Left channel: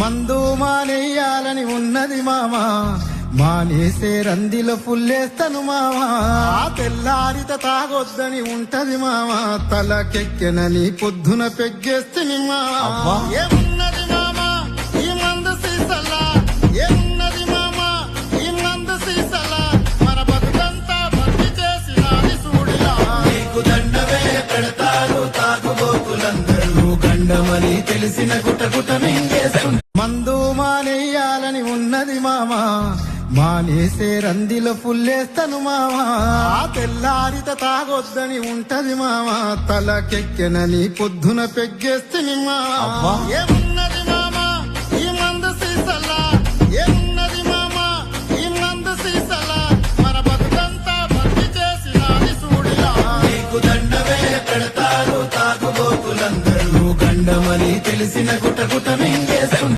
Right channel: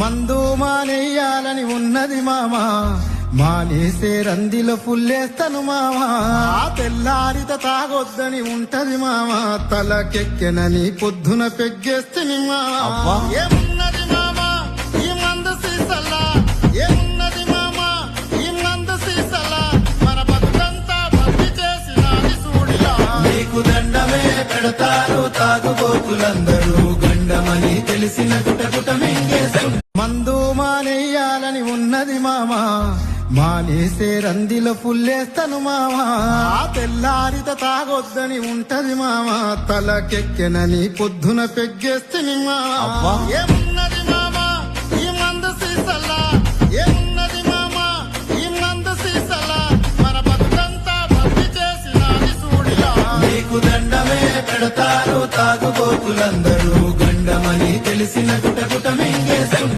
మందు మానేయాలని ఉన్నది మామా, మానేసే రందిలో పుల్లేస్తాను మామా. తెల్లారిత తాగొద్దని ఉంటది మామా, తలకెక్కెనని పొద్దున పెగ్గేస్తుంది మామా. ఏమున్నది మామా ఈ మందు సీసల్లా, ఏమున్నది మామా ఈ మందు సీసల్లా, మన బతుకంతా బండి చేసినది చూడిలా. నీకు దండమే పెడతారు తాగుబోతులందరూ, గండమని తెలిసిన గుటగుట మింగేస్తారు. మందు మానేయాలని ఉన్నది మామా, మానేసే రందిలో పుల్లేస్తాను మామా. తెల్లారిత తాగొద్దని ఉంటది మామా, తలకెక్కెనని పొద్దున పెగ్గేస్తుంది మామా. ఏమున్నది మామా ఈ మందు సీసల్లా, ఏమున్నది మామా ఈ మందు సీసల్లా, మన బతుకంతా బండి చేసినది చూడిలా. నీకు దండమే పెడతారు తాగుబోతులందరూ, గండమని తెలిసిన గుటగుట